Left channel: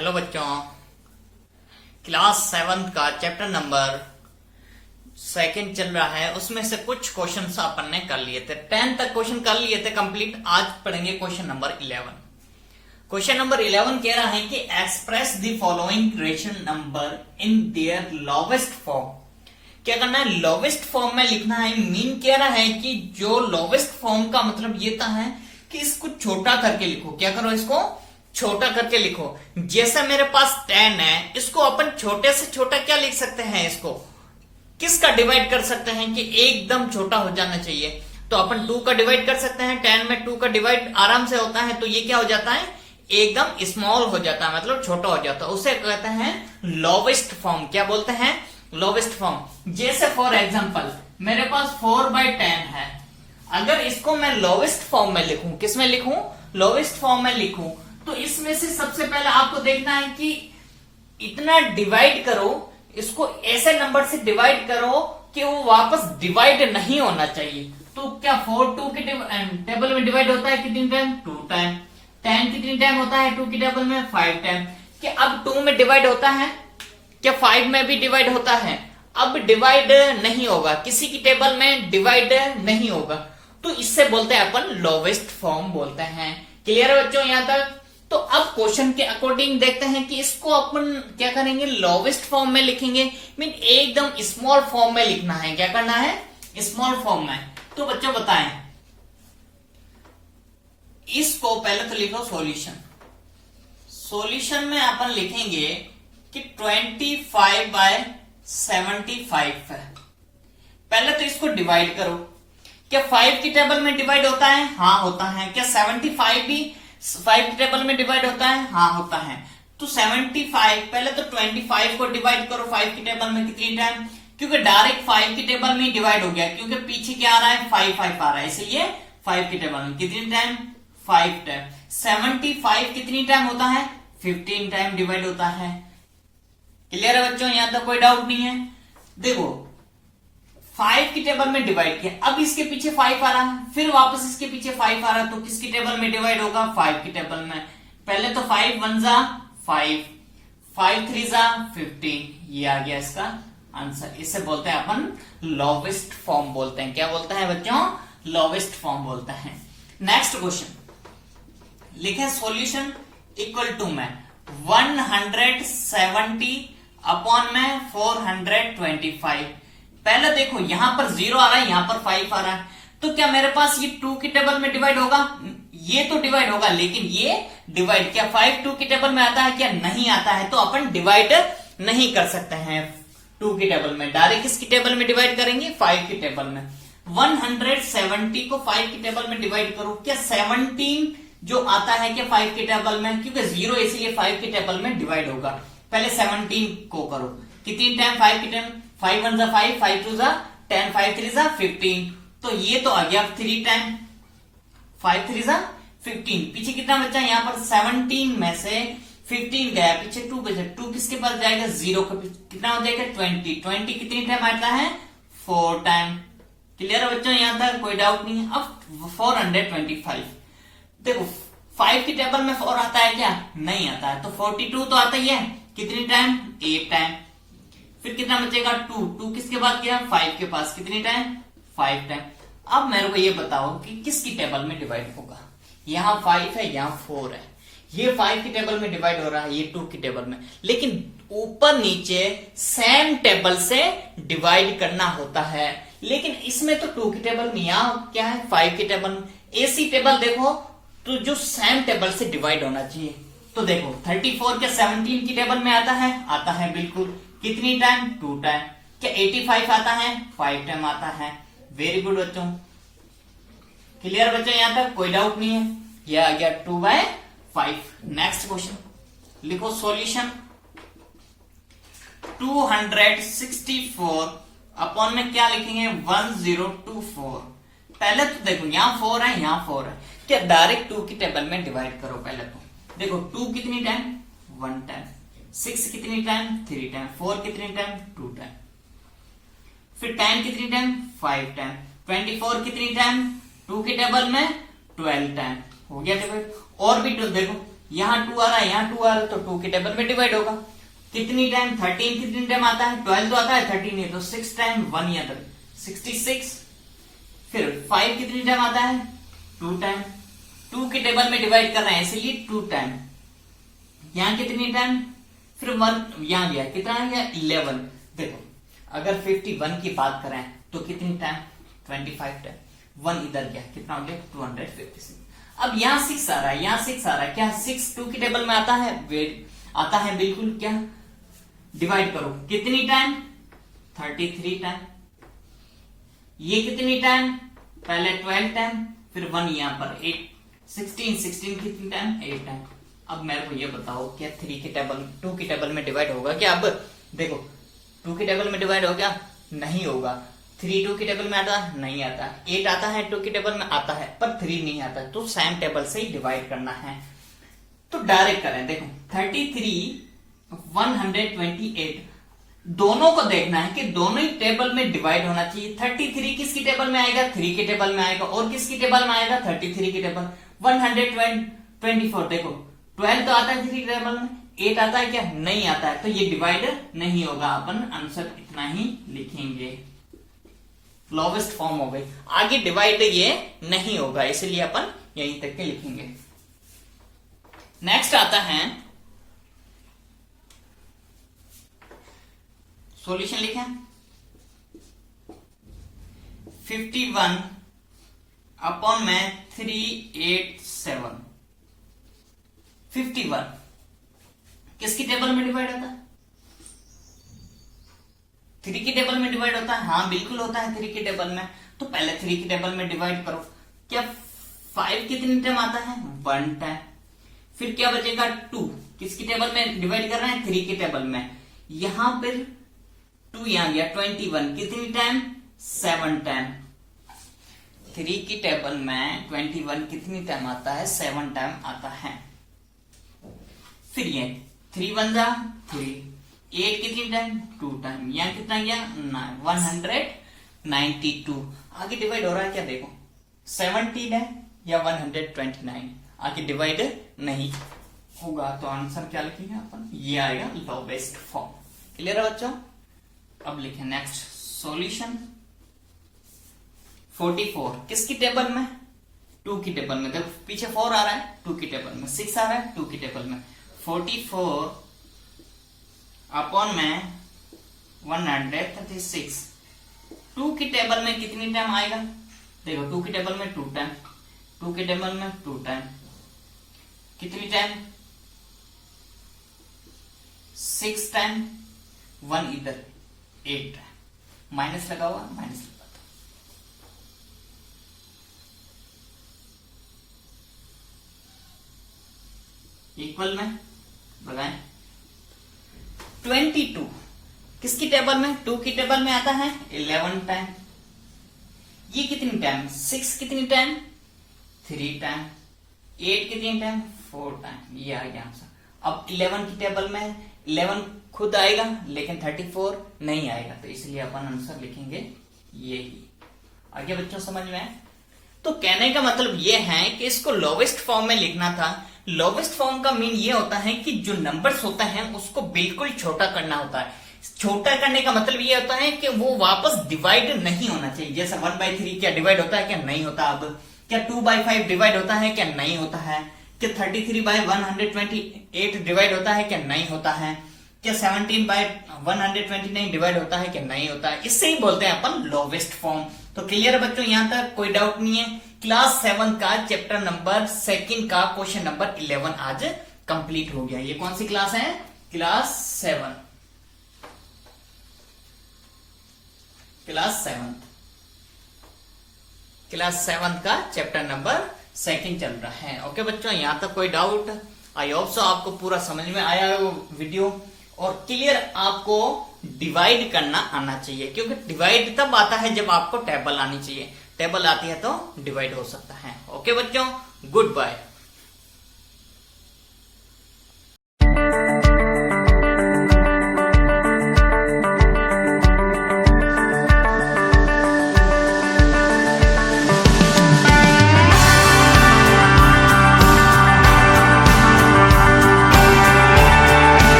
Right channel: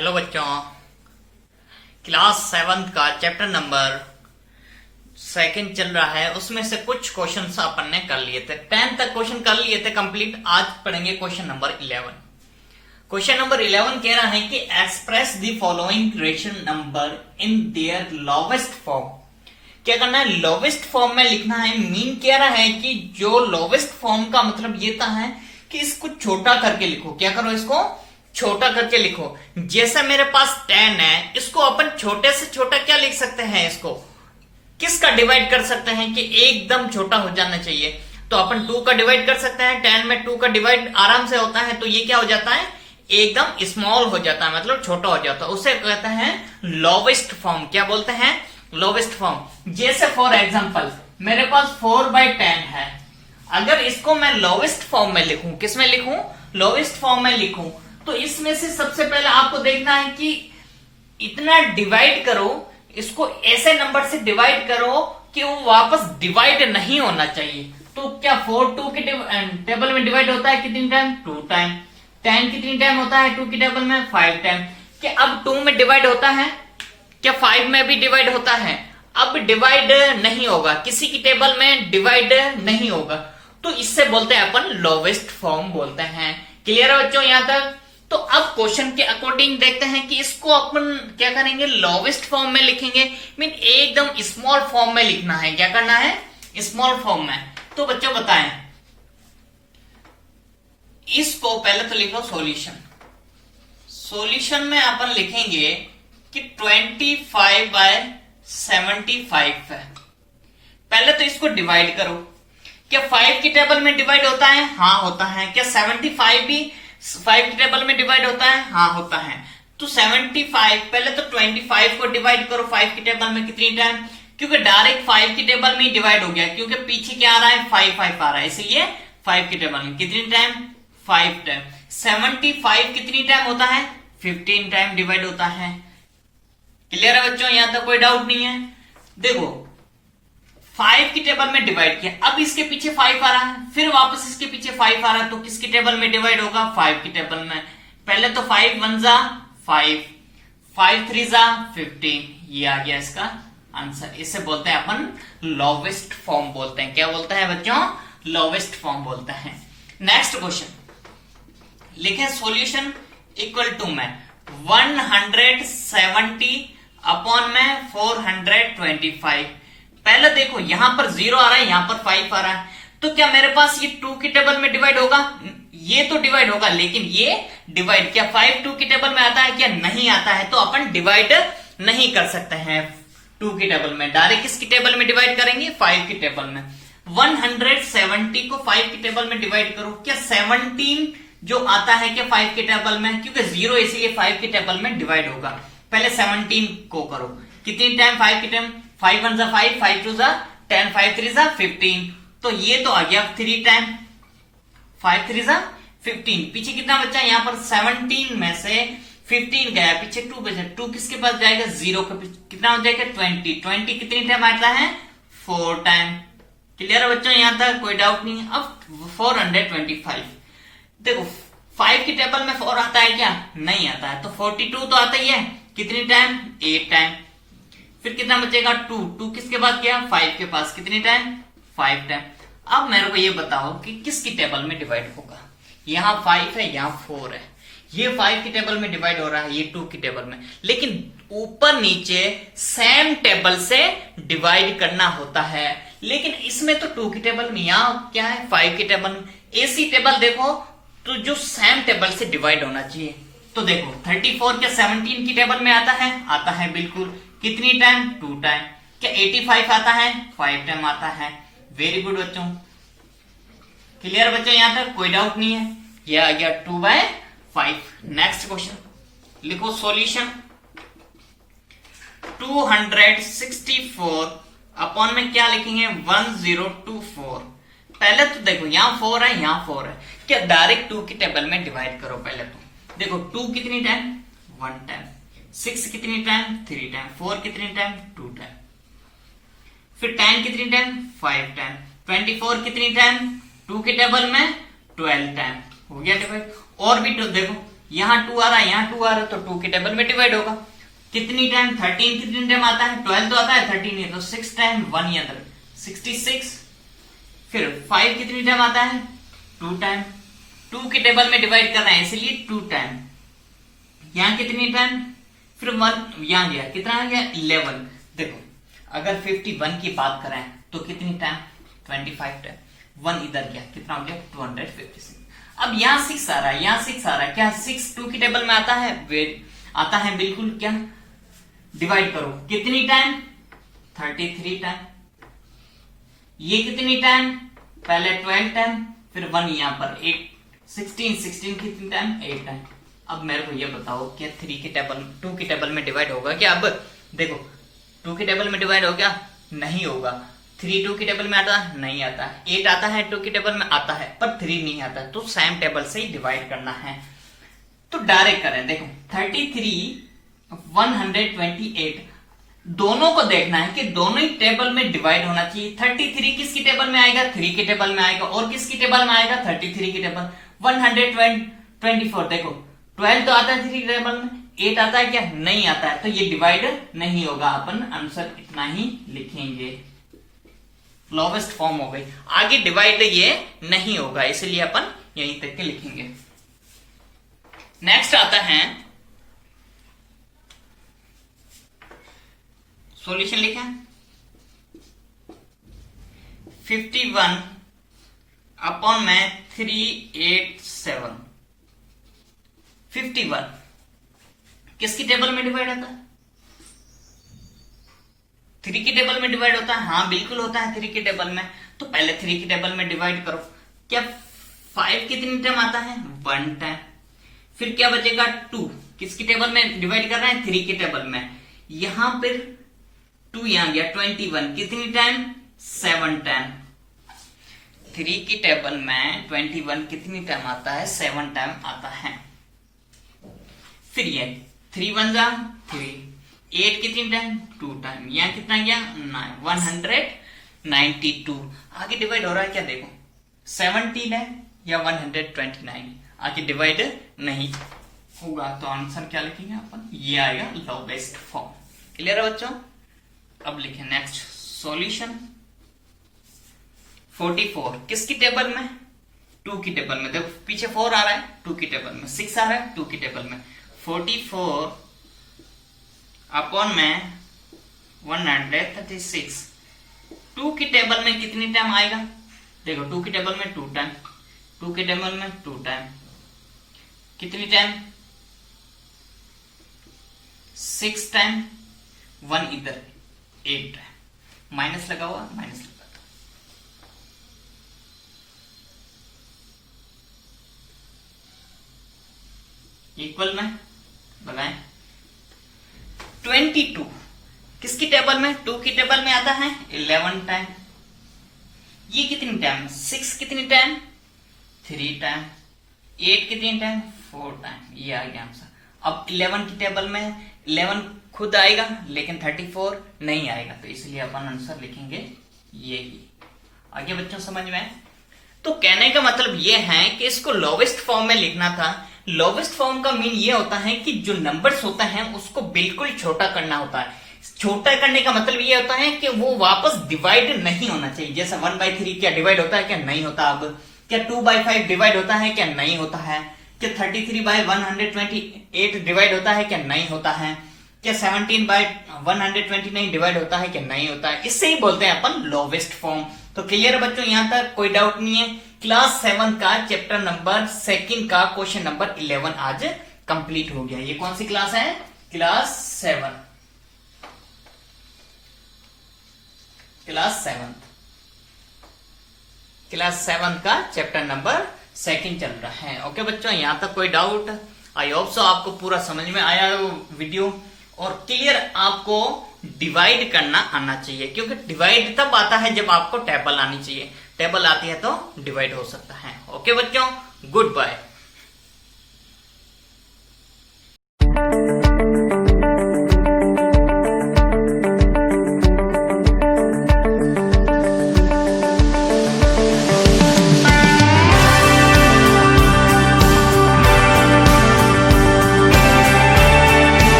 Hello बच्चों, class 7th का chapter number 2 चल रहा है। उसमें से कुछ क्वेश्चन अपन ने कर लिए थे। 10 तक क्वेश्चन कर लिए थे कंप्लीट। आज पढ़ेंगे क्वेश्चन नंबर 11। क्वेश्चन नंबर 11 कह रहा है कि express the following rational number in their lowest form. क्या करना है? लोवेस्ट फॉर्म में लिखना है। मीन कह रहा है कि जो लोवेस्ट फॉर्म का मतलब ये था है कि इसको छोटा करके लिखो। क्या करो? इसको छोटा करके लिखो। जैसे मेरे पास 10 है, इसको अपन छोटे से छोटा क्या लिख सकते हैं? इसको किसका डिवाइड कर सकते हैं कि एकदम छोटा हो जाना चाहिए? तो अपन 2 का डिवाइड कर सकते हैं। 10 में 2 का डिवाइड आराम से होता है, तो ये क्या हो जाता है? एकदम स्मॉल हो जाता है, मतलब छोटा हो जाता है। उसे कहते हैं लोवेस्ट फॉर्म। क्या बोलते हैं? Lowest form. जैसे फॉर एग्जाम्पल मेरे पास 4/10 है। अगर इसको मैं लोवेस्ट फॉर्म में लिखूं, किस में लिखूं? लोवेस्ट फॉर्म में लिखूं, तो इसमें से सबसे पहले आपको देखना है कि इतना डिवाइड करो, इसको ऐसे नंबर से डिवाइड करो कि वो वापस डिवाइड नहीं होना चाहिए। तो क्या 4 2 के टेबल में डिवाइड होता है कितनी टाइम? 2 टाइम। 10 कितनी टाइम होता है 2 की टेबल में? 5 टाइम। क्या अब 2 में डिवाइड होता है? क्या 5 में भी डिवाइड होता है? अब डिवाइड नहीं होगा, किसी की टेबल में डिवाइड नहीं होगा। तो इससे बोलते हैं अपन लोवेस्ट फॉर्म बोलते हैं। क्लियर है बच्चों यहां तक? तो अब क्वेश्चन के अकॉर्डिंग देखते हैं कि इसको अपन क्या करेंगे? लोवेस्ट फॉर्म में लिखेंगे। मीन एकदम स्मॉल फॉर्म में लिखना है। क्या करना है? स्मॉल फॉर्म में। तो बच्चों बताएं, इसको पहले तो लिखो सॉल्यूशन। सॉल्यूशन में अपन लिखेंगे कि 25/75 है। पहले तो इसको डिवाइड करो। क्या 5 की टेबल में डिवाइड होता है? हाँ होता है। क्या 75 भी 5 की टेबल में डिवाइड होता है? हाँ होता है। तो 75 पहले तो 25 को डिवाइड करो 5 की टेबल में कितनी टाइम? क्योंकि डायरेक्ट 5 की टेबल में ही डिवाइड हो गया, क्योंकि पीछे क्या आ रहा है? 5 आ रहा है, इसलिए 5 की टेबल में कितनी टाइम? 5 टाइम। 75 कितनी टाइम होता है? 15 टाइम डिवाइड होता है। क्लियर है बच्चों? यहां तक कोई डाउट नहीं है? देखो 5 की टेबल में डिवाइड किया, अब इसके पीछे 5 आ रहा है, फिर वापस इसके पीछे 5 आ रहा है, तो किसकी टेबल में डिवाइड होगा? 5 की टेबल में। पहले तो 5 1 जा 5, 5 3 जा 15। ये आ गया इसका आंसर। इसे बोलते हैं अपन लोवेस्ट फॉर्म बोलते हैं। क्या बोलते हैं बच्चों? लोवेस्ट फॉर्म बोलते हैं। नेक्स्ट क्वेश्चन लिखे सॉल्यूशन इक्वल टू में 170 अपॉन में 425। पहले देखो यहां पर 0 आ रहा है, यहां पर 5 आ रहा है, तो क्या मेरे पास ये 2 की टेबल में डिवाइड होगा? ये तो डिवाइड होगा, लेकिन ये डिवाइड क्या 5 2 की टेबल में आता है? क्या नहीं आता है? तो अपन डिवाइड नहीं कर सकते हैं 2 की टेबल में। डायरेक्ट किसकी टेबल में डिवाइड करेंगे? 5 की टेबल में। 170 को 5 की टेबल में डिवाइड करो। क्या 17 जो आता है क्या 5 की टेबल में? क्योंकि 0 इसीलिए 5 की टेबल में डिवाइड होगा। पहले 17 को करो कितनी टाइम? 5 की टाइम। 5 1 जा 5, 5 2 जा 10, 5 3 जा 15। तो ये तो आ गया 3 टाइम। 5 3 जा 15। पीछे कितना बचा? यहां पर 17 में से 15 गया, पीछे 2 बचा। 2 किसके पास जाएगा? 0 के पीछे। कितना हो जाएगा? 20। 20 कितनी टाइम आता है? 4 टाइम। क्लियर है बच्चों? यहां तक कोई डाउट नहीं है? अब 425 देखो 5 की टेबल में 4 आता है क्या? नहीं आता है। तो 42 तो आता ही है। कितनी टाइम? 8 टाइम। फिर कितना बचेगा? 2 किसके पास गया? 5 के पास। कितनी टाइम? 5 टाइम। अब मेरे को ये बताओ कि किसकी टेबल में डिवाइड होगा? यहां 5 है, यहां 4 है। ये 5 की टेबल में डिवाइड हो रहा है, ये 2 की टेबल में। लेकिन ऊपर नीचे सेम टेबल से डिवाइड करना होता है। लेकिन इसमें तो 2 की टेबल में, यहां क्या है? 5 की टेबल में। ऐसी टेबल देखो तो जो सेम टेबल से डिवाइड होना चाहिए। तो देखो 34 क्या 17 की टेबल में आता है? आता है बिल्कुल। कितनी टाइम? 2 टाइम। क्या 85 आता है? 5 टाइम आता है। वेरी गुड बच्चों। क्लियर बच्चों? यहां तक कोई डाउट नहीं है? यह आ गया 2/5। नेक्स्ट क्वेश्चन लिखो सॉल्यूशन 264 अपॉन में क्या लिखेंगे? 1024। पहले तो देखो यहां 4 है, यहां 4 है। क्या डायरेक्ट 2 की टेबल में डिवाइड करो। पहले तो देखो 2 कितनी टाइम? 1 टाइम। 6 कितनी टाइम? 3 टाइम। 4 कितनी टाइम? 2 टाइम। फिर 10 कितनी टाइम? 5 टाइम। 24 कितनी टाइम? 2 की टेबल में 12 टाइम। हो गया डिवाइड। और भी तो देखो यहाँ 2 आ रहा है, यहाँ 2 आ रहा है, तो 2 के टेबल में डिवाइड होगा। कितनी टाइम? 13 कितनी टाइम आता है? 12 तो आता है, 13 है, तो 6 टाइम 1 याद रख 66। फिर 5 कितनी टाइम आता है? 2 टाइम। 2 के टेबल में डिवाइड कर रहे हैं इसलिए 2 टाइम। यहां कितनी टाइम? फिर 1 यहां गया, कितना आ गया? 11। देखो अगर 51 की बात करें तो कितनी टाइम? 25 टाइम। 1 इधर गया, कितना हो गया? 256। अब यहाँ 6 आ रहा है, यहाँ 6 आ रहा है, क्या 6 2 के टेबल में आता है? आता है बिल्कुल। क्या डिवाइड करो, कितनी टाइम? 33 टाइम। ये कितनी टाइम? पहले 12 टाइम, फिर 1 यहां पर 8 16 कितनी टाइम? 8 टाइम। अब मेरे को ये बताओ क्या 3 के टेबल 2 के टेबल में डिवाइड होगा क्या? अब देखो 2 के टेबल में डिवाइड हो गया? नहीं होगा। 3 2 के टेबल में आता है? नहीं आता। 8 आता है 2 के टेबल में? आता है, पर 3 नहीं आता, तो सेम टेबल से ही डिवाइड करना है। तो डायरेक्ट करें, देखो 33 128, दोनों को देखना है कि दोनों ही टेबल में डिवाइड होना चाहिए। 33 किसकी टेबल में आएगा? 3 के टेबल में आएगा। और किसकी टेबल में आएगा? 33 की टेबल। 124, देखो 12 तो आता है 3 के टेबल में, 8 आता है क्या? नहीं आता है, तो ये डिवाइड नहीं होगा। अपन आंसर इतना ही लिखेंगे, लोवेस्ट फॉर्म हो गई। आगे डिवाइड ये नहीं होगा, इसलिए अपन यहीं तक के लिखेंगे। नेक्स्ट आता है सॉल्यूशन, लिखा 51 अपॉन में 387। 51 किसकी टेबल में डिवाइड होता है? 3 की टेबल में डिवाइड होता है। हाँ बिल्कुल होता है 3 की टेबल में। तो पहले 3 की टेबल में डिवाइड करो। क्या 5 कितनी टाइम आता है? 1 टाइम। फिर क्या बचेगा? 2 किसकी टेबल में डिवाइड कर रहे हैं? 3 की टेबल में। यहां पर 2 यहां गया, 21 कितनी टाइम? 7 टाइम। 3 की टेबल में 21 कितनी टाइम आता है? 7 टाइम आता है। फिर ये 3 1 जा 3, 8 कितनी टाइम? 2 टाइम। यहां कितना गया? 9, 192। आगे डिवाइड हो रहा है क्या? देखो 17 है या 129, आगे डिवाइड नहीं होगा, तो आंसर क्या लिखेंगे अपन? ये आएगा लोवेस्ट फॉर्म। क्लियर है बच्चों? अब लिखें नेक्स्ट सॉल्यूशन। 44 किसकी टेबल में? 2 की टेबल में। देखो पीछे 4 आ रहा है 2 की टेबल में, 6 आ रहा है 2 की टेबल में। 44 अपॉन में 136। 2 की टेबल में कितनी टाइम आएगा? देखो 2 की टेबल में 2 टाइम, 2 की टेबल में 2 टाइम, कितनी टाइम? 6 टाइम। 1 इधर 8 टाइम। माइनस लगा हुआ, माइनस लगा दो। इक्वल में लगाएं। 22 किसकी टेबल में? 2 की टेबल में आता है 11 टाइम। ये कितनी टाइम? 6 कितनी टाइम? 3 टाइम। 8 कितनी टाइम? 4 टाइम। ये आ गया आंसर। अब 11 की टेबल में 11 खुद आएगा लेकिन 34 नहीं आएगा, तो इसलिए अपन आंसर लिखेंगे ये ही। आगे बच्चों समझ में आए? तो कहने का मतलब ये है कि इसको लोवेस्ट फॉर्म में लिखना था। लोवेस्ट फॉर्म का मीन ये होता है कि जो नंबर्स होता है उसको बिल्कुल छोटा करना होता है। छोटा करने का मतलब ये होता है कि वो वापस डिवाइड नहीं होना चाहिए। जैसे 1/3 क्या डिवाइड होता है? क्या नहीं होता। अब क्या 2/5 डिवाइड होता है? क्या नहीं होता है। क्या 33/128 डिवाइड होता है? क्या नहीं होता है। क्या 17/129 डिवाइड होता है? क्या नहीं होता है। इससे ही बोलते हैं अपन लोवेस्ट फॉर्म। तो क्लियर है बच्चों? यहां तक कोई डाउट नहीं है। क्लास 7 का चैप्टर नंबर 2 का क्वेश्चन नंबर 11 आज कंप्लीट हो गया। ये कौन सी क्लास है? क्लास 7। क्लास 7 का चैप्टर नंबर 2 चल रहा है। ओके बच्चों, यहां तक कोई डाउट? आई होप सो आपको पूरा समझ में आया वो वीडियो। और क्लियर आपको डिवाइड करना आना चाहिए, क्योंकि डिवाइड तब आता है जब आपको टेबल आनी चाहिए। टेबल आती है तो डिवाइड हो सकता है। ओके बच्चों, गुड बाय।